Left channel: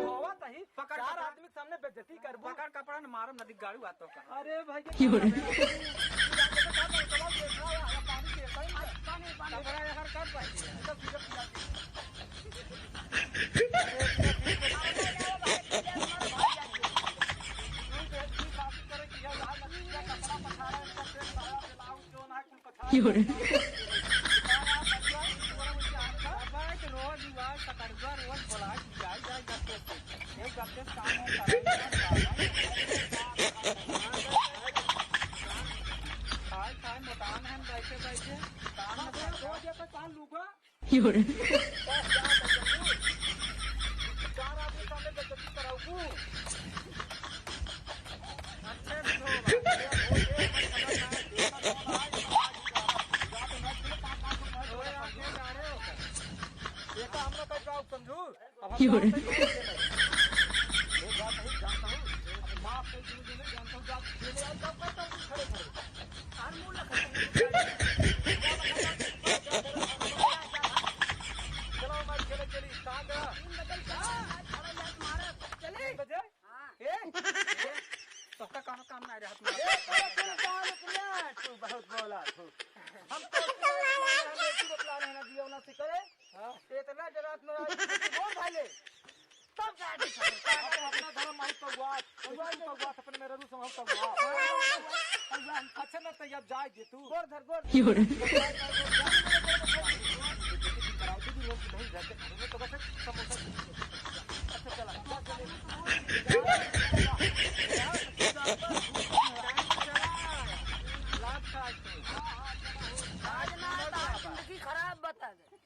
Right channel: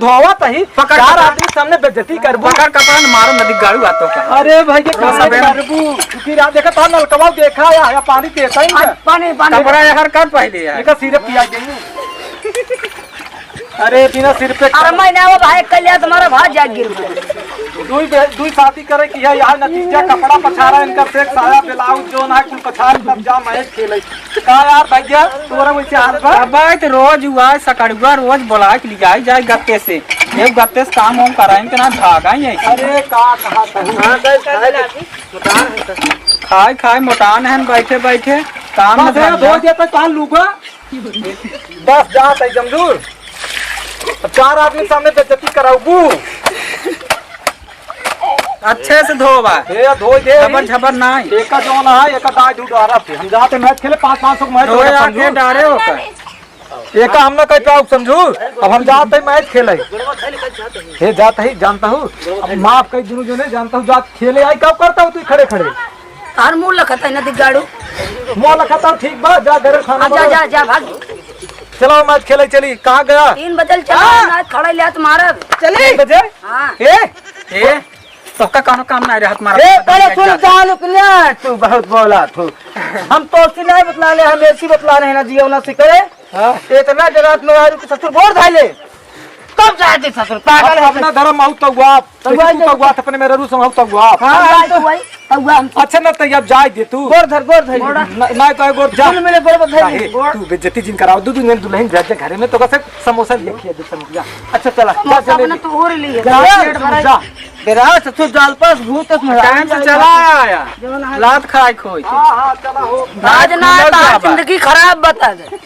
धोवत ही चार आदमी सामने बेइज्जती करबू। पकड़ कपड़ा न मारो नदी गाड़ू आतो का। अरे भाई के करबू फिर आ देखा था नलकवा देखा या पानी देता ही नहीं। पानी कपड़ा यार कर पहले यार। एक सिर पिया गई। अरे बिना सिर पे अरे मैंने वो भाई कलिया तुम्हारा भात जाग गिर दुई शादी करे की है यार नतीजा कपड़ा पछारा इनका सेक साया ब्लाउज जो ना कुल पछार सब जा मैच खेले का यार भैया तोरा वैसे हाल बा। अब तो रोज हुआ सकड़ुआ रोज बुला के ले जाए जाए गत्ते से एक गत्ते से काम हम कराएं के ना भागा ही है। अरे का खाए खाए मोटान है बैठे बैठे काम में धो दिया तो कान लूगा बस जा तई जमदूर चार आदमी सामने बेइज्जती कराऊबू। अच्छे से धोबा ये धो दे झबर झबर नहीं एक का जोन है एक का दाई डुडारा पे हम जाते मैच खेले 500 मैच धोए आके डारे होकर एक का हमने कहता हूं समझू अब हम जाते मैच खेले हे जाता ही जानता हूं अब माफ कई दिनों जो नहीं जानता हूं जात खेले आई कब करता हूं तू खड़े खड़े हर मुंह लखता नदी गाड़ू मुंह लखता ठीक बा जा घर खाना जा जा जा भाग चलो मैच खेले चली कहां गया 3 बजे चला खड़ा लिया तुम्हारा चले बजे हां ए तो का काम नहीं रहा तुम्हारा। ए पहले तू जान निकले तू बहुत बोला तू हम तो सिलाई बतला ले हम ऐसी बतला रहे हैं ना जियो ना सिकरे इतना जगह में यार के ससुर बोल धाले कब जाए दे ससुर पागल है अपना धर्म आउ तो गुआ तू तो गुआ अपने मेरे रू संग तो गुआ हां तो भाई तब हम अच्छा ना तैयार जाए दे तू गोर धर ना तो गोर जा मेरे गोर बधाई तू बेइज्जती जिन कराओ दूध ने दुल्हन जा घर में तो कैसे समोसा देखिए दे समझ अच्छा चला जा चले अपना तो और लिए जा तेरा ससुर जाल पास भूत में टाइम से चला आया लात खाए खोई हां हां चला हो आज ना जिंदगी खराब बता दे